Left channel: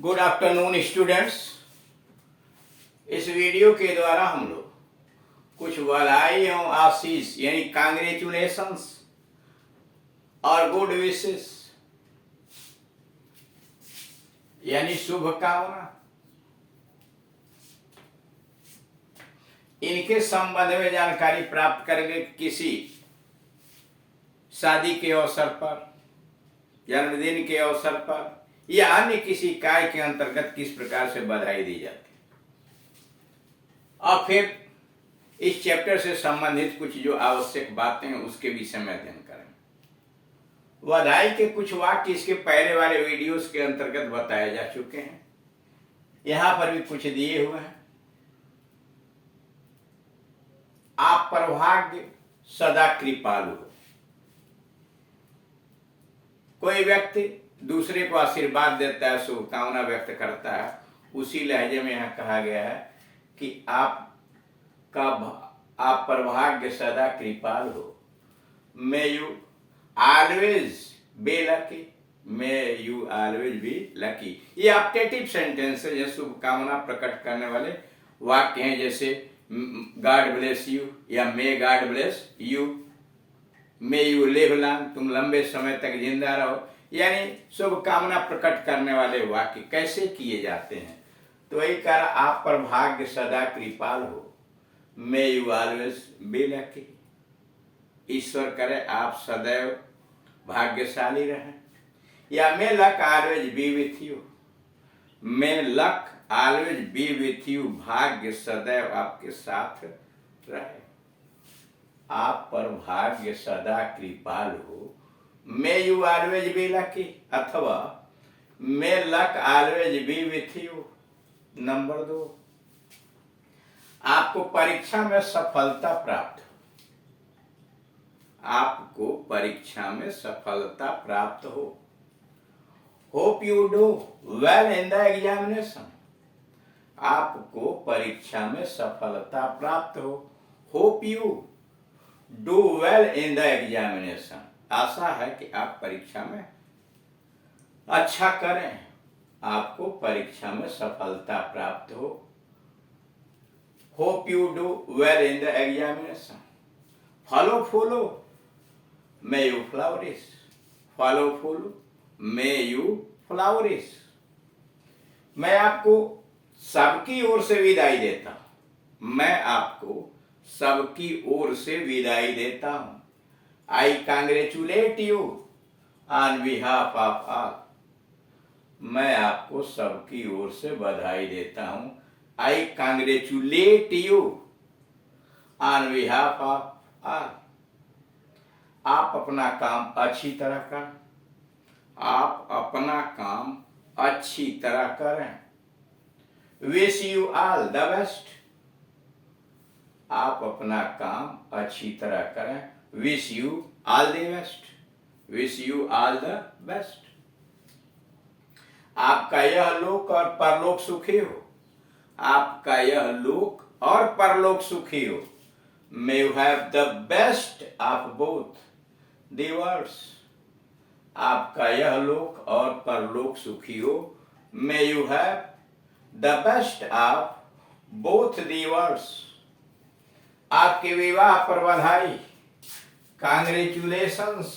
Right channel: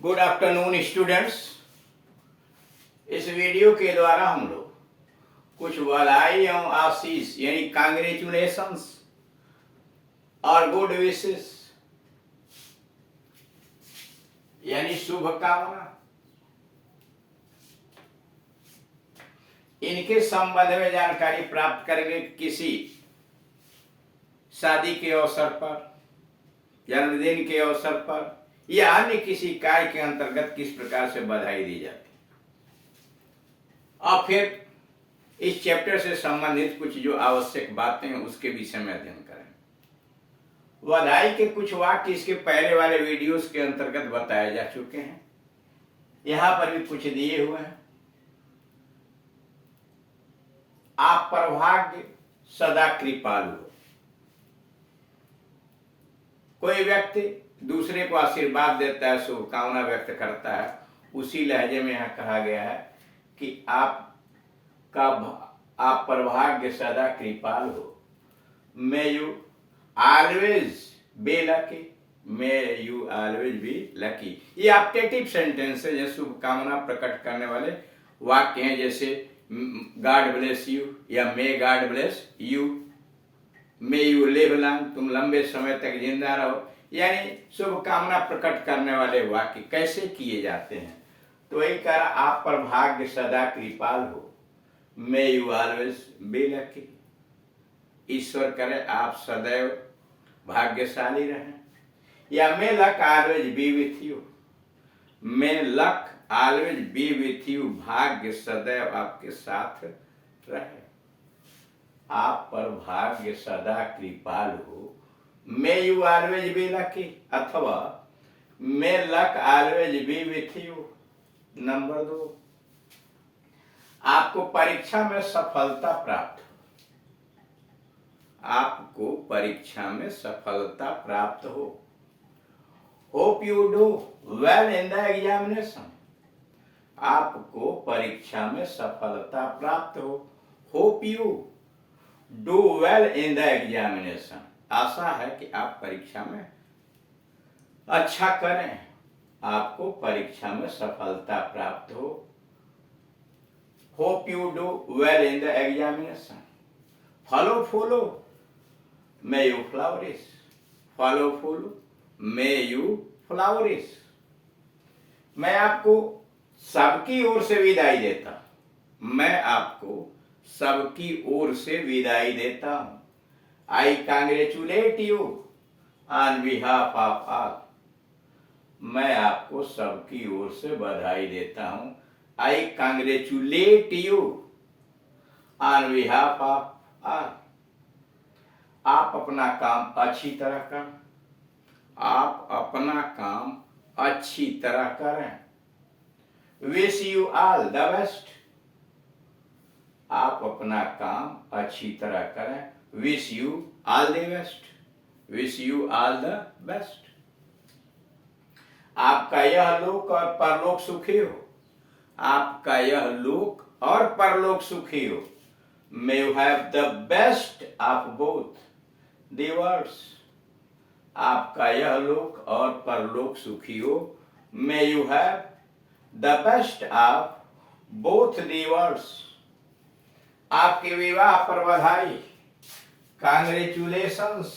Good afternoon students. इस video के द्वारा हम लोग कुछ बधाई एवं आशीष यानी कांग्रेचुलेशंस और गुड विशेस यानी शुभकामना इनके संबंध में जानकारी प्राप्त करेंगे। किसी शादी के अवसर पर, जन्मदिन के अवसर पर या अन्य किसी कार्य के अंतर्गत किस प्रकार से बधाई दी जाती है, और फिर इस चैप्टर से संबंधित कुछ जो आवश्यक बातें हैं उसके विषय में अध्ययन करेंगे। बधाई के कुछ वाक्य इसके पहले वाले वीडियोस के अंतर्गत बताए जा चुके हैं, यहां पर भी कुछ दिए हुए हैं। आप पर भाग्य सदा कृपालु हो। कोई व्यक्ति दूसरे को आशीर्वाद देता है, शुभकामना व्यक्त करता है, उसी लहजे में यहाँ कहा गया है कि आप पर भाग्य सदा कृपाल हो। May you always be lucky, may you always be lucky. ये ऑप्टेटिव सेंटेंस है, जैसे शुभकामना प्रकट करने वाले वाक्य हैं, जैसे गॉड ब्लेस यू या मे God bless you, may you live long, तुम लंबे समय तक जिंदा रहो। यानी शुभकामना प्रकट करने वाले वाक्य कैसे किए जाते हैं, तो वही कह रहा, आप पर भाग्य सदा कृपाल हो। May you always be lucky, ईश्वर करे आप सदैव भाग्यशाली रहें। या may luck always be with you, may luck always be with you, भाग्य सदैव आपके साथ रहे। आप पर भाग्य सदा कृपाल हो, may you always be lucky, अथवा may luck always be with you. Number 2, आपको परीक्षा में सफलता प्राप्त हो। आपको परीक्षा में सफलता प्राप्त हो। Hope you do well in the examination, आपको परीक्षा में सफलता प्राप्त हो। Hope you do well in the examination, आशा है कि आप परीक्षा में अच्छा करें, आपको परीक्षा में सफलता प्राप्त हो। Hope you do well in the examination. Follow follow may you flourish, follow follow may you flourish. मैं आपको सबकी ओर से विदाई देता हूं, मैं आपको सबकी ओर से विदाई देता हूं। I congratulate you on behalf of all, मैं आपको सबकी ओर से बधाई देता हूं। I congratulate you on behalf of all. आप अपना काम अच्छी तरह करें, आप अपना काम अच्छी तरह करें। Wish you all the best, आप अपना काम अच्छी तरह करें। Wish you all the best, wish you all the best. आपका यह लोक और परलोक सुखी हो, आपका यह लोक और परलोक सुखी हो। May you have the best of both the worlds, आपका यह लोक और परलोक सुखी हो। May you have the best of both the worlds. आपके विवाह पर बधाई, कांग्रेचुलेशंस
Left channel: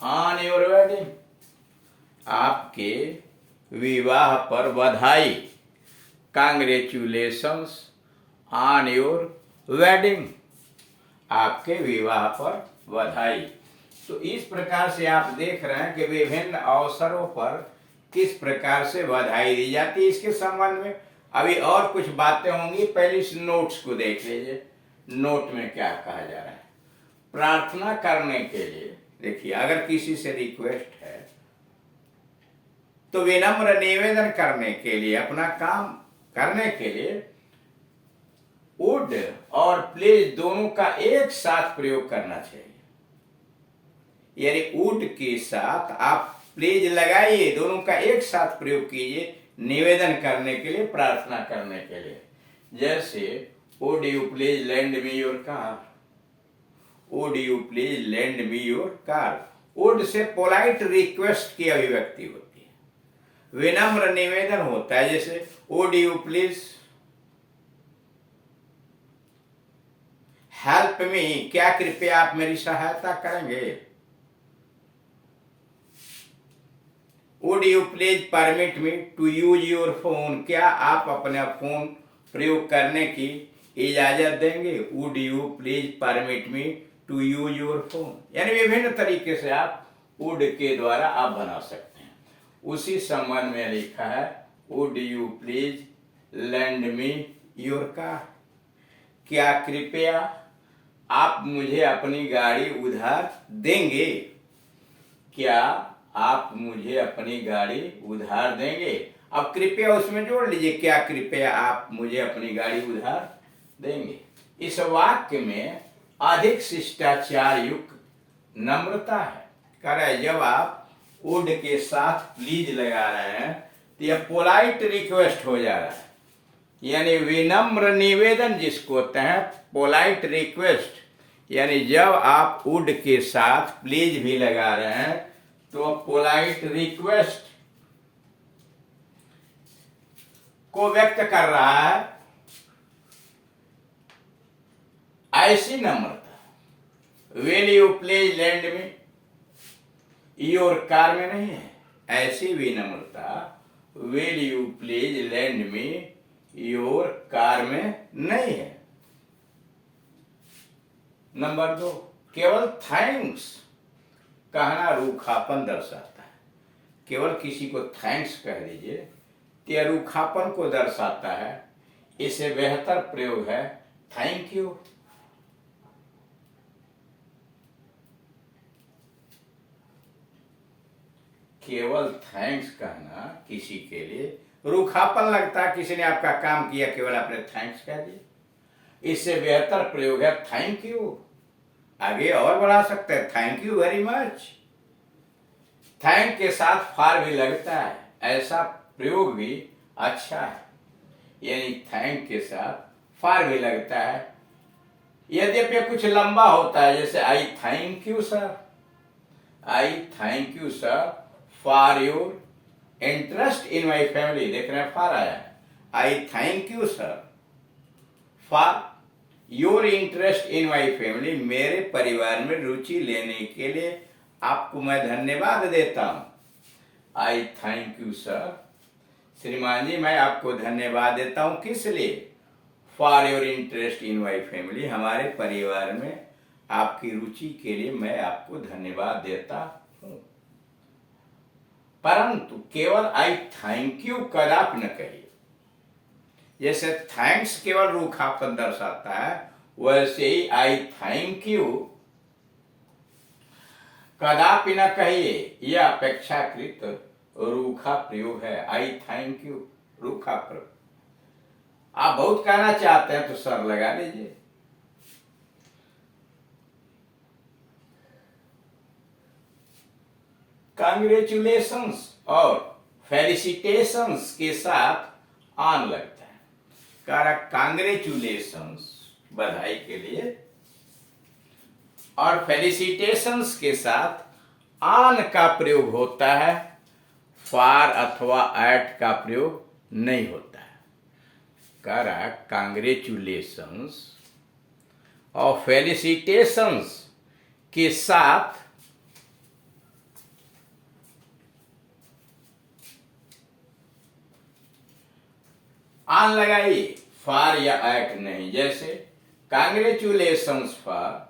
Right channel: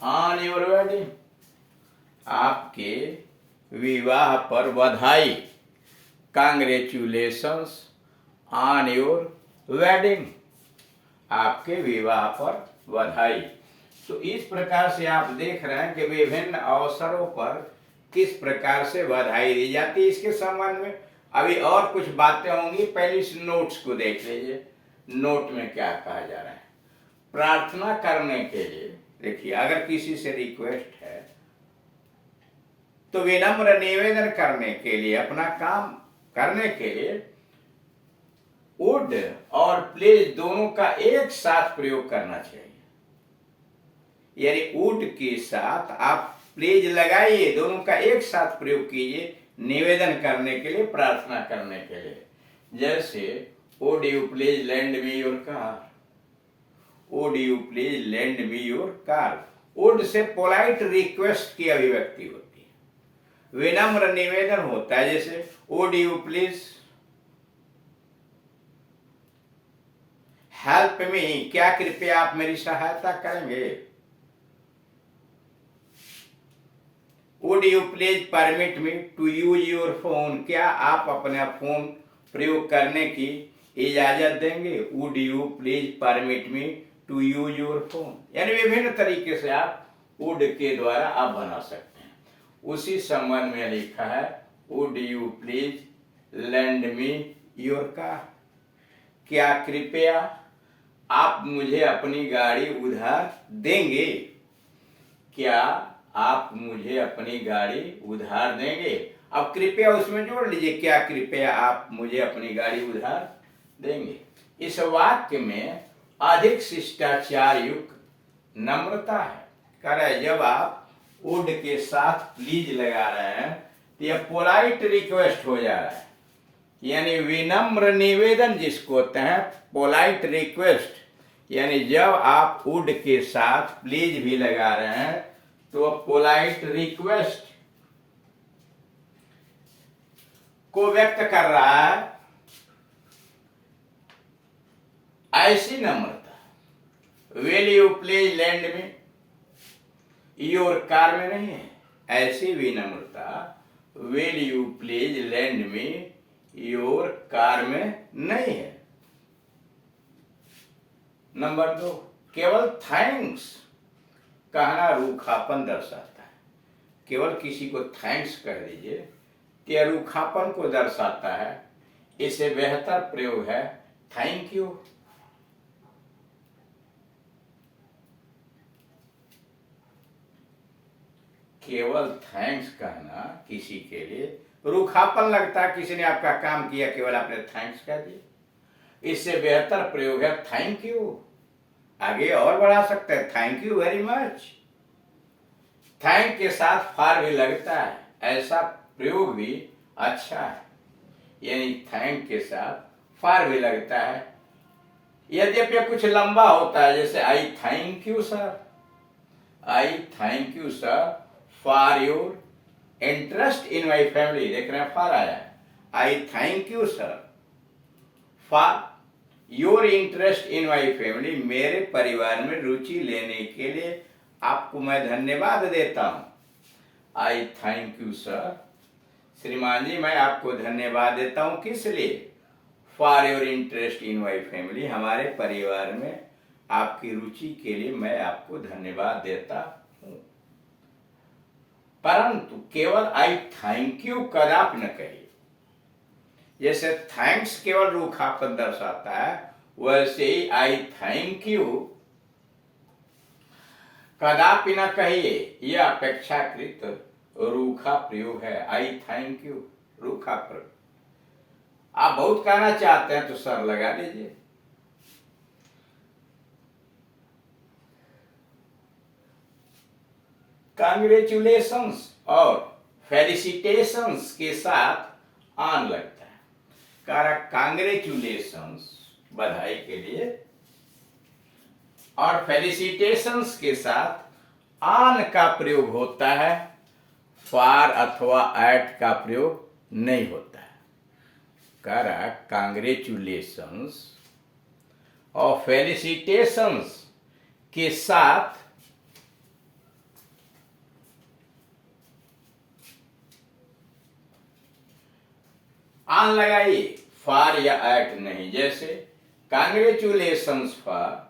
ऑन योर वेडिंग, आपके विवाह पर बधाई, कांग्रेचुलेशंस ऑन योर वेडिंग, आपके विवाह पर बधाई। तो इस प्रकार से आप देख रहे हैं कि विभिन्न अवसरों पर किस प्रकार से बधाई दी जाती है। इसके संबंध में अभी और कुछ बातें होंगी, पहले इस नोट्स को देख लीजिए। नोट में क्या कहा जा रहा है। प्रार्थना करने के लिए, देखिए, अगर किसी से रिक्वेस्ट है तो विनम्र निवेदन करने के लिए, अपना काम करने के लिए वुड और प्लीज दोनों का एक साथ प्रयोग करना चाहिए। यानी वुड के साथ आप प्लीज लगाइए, दोनों का एक साथ प्रयोग कीजिए निवेदन करने के लिए, प्रार्थना करने के लिए। जैसे would you please lend me your car, would you please lend me your car. Would से पोलाइट रिक्वेस्ट की अभिव्यक्ति होती है। विनम्र निवेदन होता है, जैसे would you please help me, क्या कृपया आप मेरी सहायता करेंगे। Would you please permit me to use your phone, क्या आप अपना फोन प्रयोग करने की इजाजत देंगे। Would you please permit me to use your phone, यानी विभिन्न तरीके से आप वुड के द्वारा आप बना सकते हैं। उसी संबंध में लिखा है would you please lend me your car, क्या कृपया आप मुझे अपनी गाड़ी उधार देंगे। क्या आप मुझे अपनी गाड़ी उधार देंगे। अब कृपया उसमें जोड़ लीजिए, क्या कृपया आप मुझे अपनी गाड़ी उधार देंगे। इस वाक्य में अधिक शिष्टाचार युक्त नम्रता है। कह रहे जब आप वुड के साथ प्लीज लगा रहे हैं तो यह पोलाइट रिक्वेस्ट हो जा रहा है, यानी विनम्र निवेदन जिसको होते हैं, पोलाइट रिक्वेस्ट। यानी जब आप वुड के साथ प्लीज भी लगा रहे हैं तो पोलाइट रिक्वेस्ट को व्यक्त कर रहा है। ऐसी नम्रता विल यू प्लीज लैंड में योर कार में नहीं है। ऐसी विनम्रता विल यू प्लीज लैंड में योर कार में नहीं है। नंबर 2, केवल थैंक्स कहना रूखापन दर्शाता है। केवल किसी को थैंक्स कह दीजिए तो यह रूखापन को दर्शाता है। इससे बेहतर प्रयोग है थैंक यू। केवल थैंक्स कहना किसी के लिए रूखापन लगता है, किसी ने आपका काम किया, केवल आपने थैंक्स कह दिया। इससे बेहतर प्रयोग है थैंक यू। आगे और बढ़ा सकते हैं, thank you very much. Thank के साथ फॉर भी लगता है, ऐसा प्रयोग भी अच्छा है। यानी थैंक के साथ फॉर भी लगता है। यद्यपि कुछ लंबा होता है, जैसे आई thank you sir, I thank you sir for your interest in my family. देख रहे हैं फॉर आया है। आई thank you sir for your interest in my family, मेरे परिवार में रुचि लेने के लिए आपको मैं धन्यवाद देता हूं। आई थैंक यू सर, श्रीमान जी मैं आपको धन्यवाद देता हूं, किस लिए। For your interest in my family, हमारे परिवार में आपकी रुचि के लिए मैं आपको धन्यवाद देता हूं। परंतु केवल आई थैंक यू कदापि न कहिए। जैसे थैंक्स केवल रूखापन दर्शाता है, वैसे ही आई थैंक यू कदापि न कहिए, यह अपेक्षाकृत रूखा प्रयोग है। आई थैंक यू रूखा प्रयोग। आप बहुत कहना चाहते हैं तो सर लगा लीजिए। कांग्रेचुलेशंस और फेलिसिटेशंस के साथ आन लगता है। कारण कांग्रेचुलेशंस बधाई के लिए और फेलिसिटेशंस के साथ आन का प्रयोग होता है, फॉर अथवा एट का प्रयोग नहीं होता है। कारण कांग्रेचुलेशंस और फेलिसिटेशंस के साथ आन लगाइए, फॉर या एट नहीं। जैसे कांग्रेचुलेशंस फॉर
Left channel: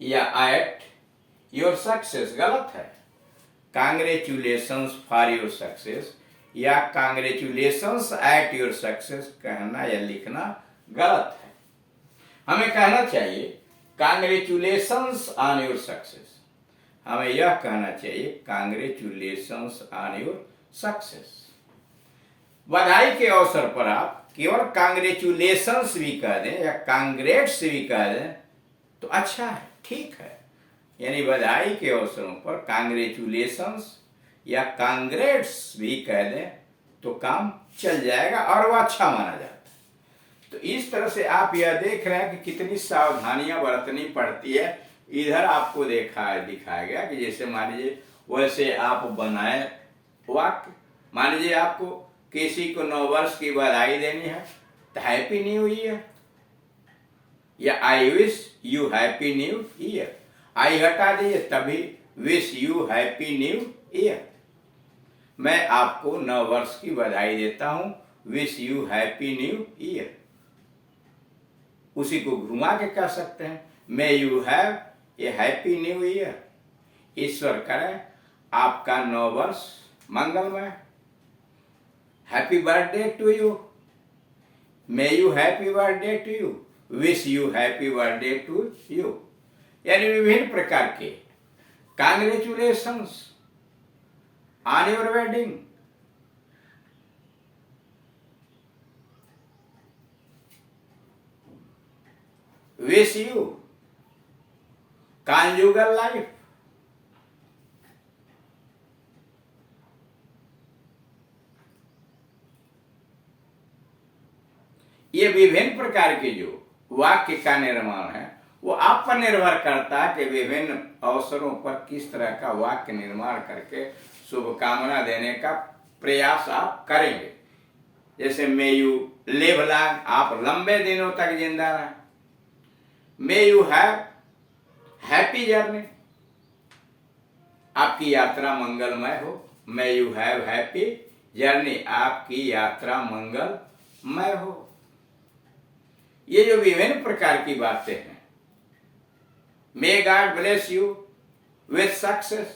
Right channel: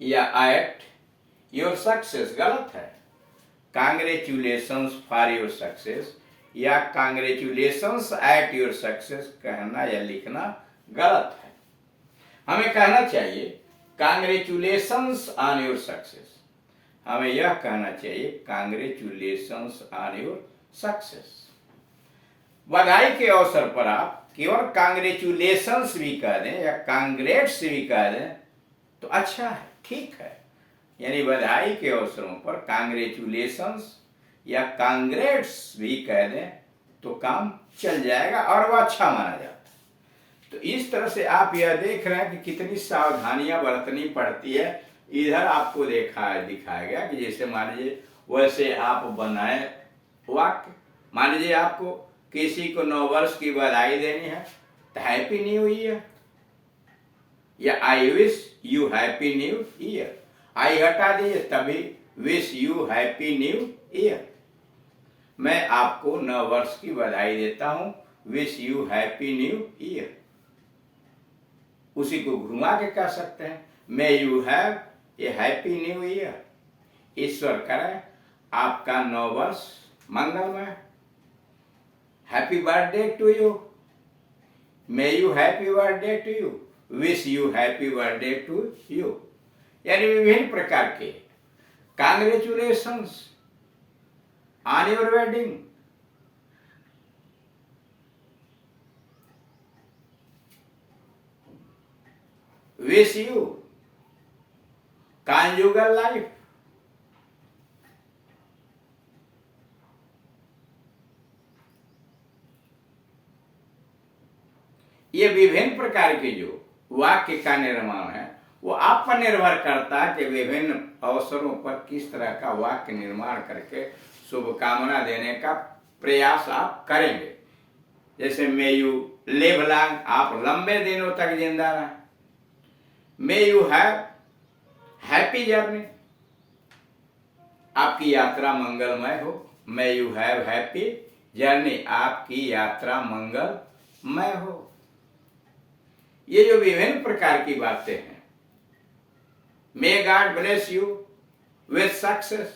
या एट योर सक्सेस गलत है। कांग्रेचुलेशंस फॉर योर सक्सेस या कांग्रेचुलेशंस एट योर सक्सेस कहना या लिखना गलत है। हमें कहना चाहिए कांग्रेचुलेशंस ऑन योर सक्सेस। हमें यह कहना चाहिए कांग्रेचुलेशंस ऑन योर सक्सेस। बधाई के अवसर पर आप केवल कांग्रेचुलेशंस भी कह दें या कांग्रेट्स भी कह दें तो अच्छा है, ठीक है। यानी बधाई के अवसरों पर कांग्रेचुलेशंस या कांग्रेट्स भी कह दें तो काम चल जाएगा और वह अच्छा माना जाता है। तो इस तरह से आप यह देख रहे हैं कि कितनी सावधानियां बरतनी पड़ती है। इधर आपको दिखाया गया कि जैसे मान लीजिए वैसे आप बनाए वाक्य। मान लीजिए आपको किसी को 9 वर्ष की बधाई देनी है तो हैप्पी न्यू ईयर, या I wish you happy new year. I हटा दीजिए तभी wish you happy new year. मैं आपको 9 वर्ष की बधाई देता हूं, wish you happy new year. उसी को घुमा के कह सकते हैं, may you have a happy new year. ईश्वर करे आपका 9 वर्ष मंगलमय। Happy birthday to you, may you happy birthday to you, wish you happy birthday to you. यानी विभिन्न प्रकार के congratulations on your wedding, wish you conjugal life. ये विभिन्न प्रकार के जो वाक्य का निर्माण है वो आप पर निर्भर करता है कि विभिन्न अवसरों पर किस तरह का वाक्य निर्माण करके शुभकामना देने का प्रयास आप करेंगे। जैसे मे यू लिव लॉन्ग, आप लंबे दिनों तक जिंदा रहें। मे यू हैव हैप्पी जर्नी, आपकी यात्रा मंगलमय हो। May you have happy journey, आपकी यात्रा मंगलमय हो। ये जो विभिन्न प्रकार की बातें हैं, may God bless you with success,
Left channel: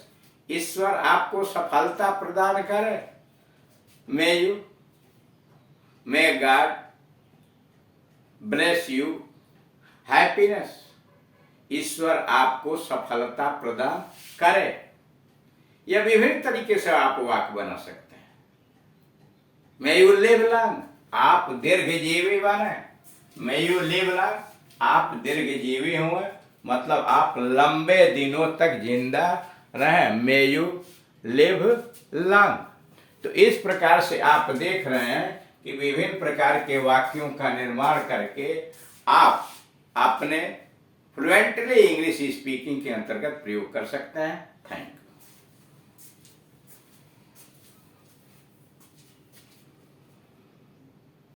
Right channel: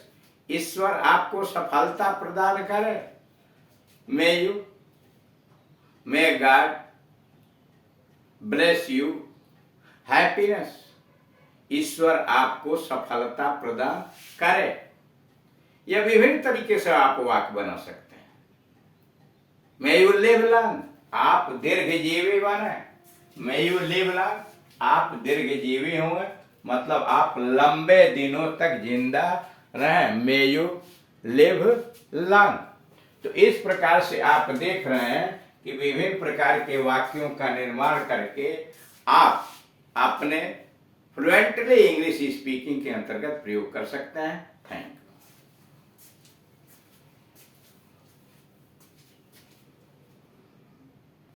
ईश्वर आपको सफलता प्रदान करे। May God bless you happiness, ईश्वर आपको सफलता प्रदान करे। यह विभिन्न तरीके से आप वाक्य बना सकते हैं। मे यू लिव लॉन्ग, आप दीर्घजीवी बने। मे यू लिव लॉन्ग, आप दीर्घजीवी हुए, मतलब आप लंबे दिनों तक जिंदा रहें। May you live long. तो इस प्रकार से आप देख रहे हैं कि विभिन्न प्रकार के वाक्यों का निर्माण करके आप अपने फ्लुएंटली इंग्लिश स्पीकिंग के अंतर्गत प्रयोग कर सकते हैं। Thank you.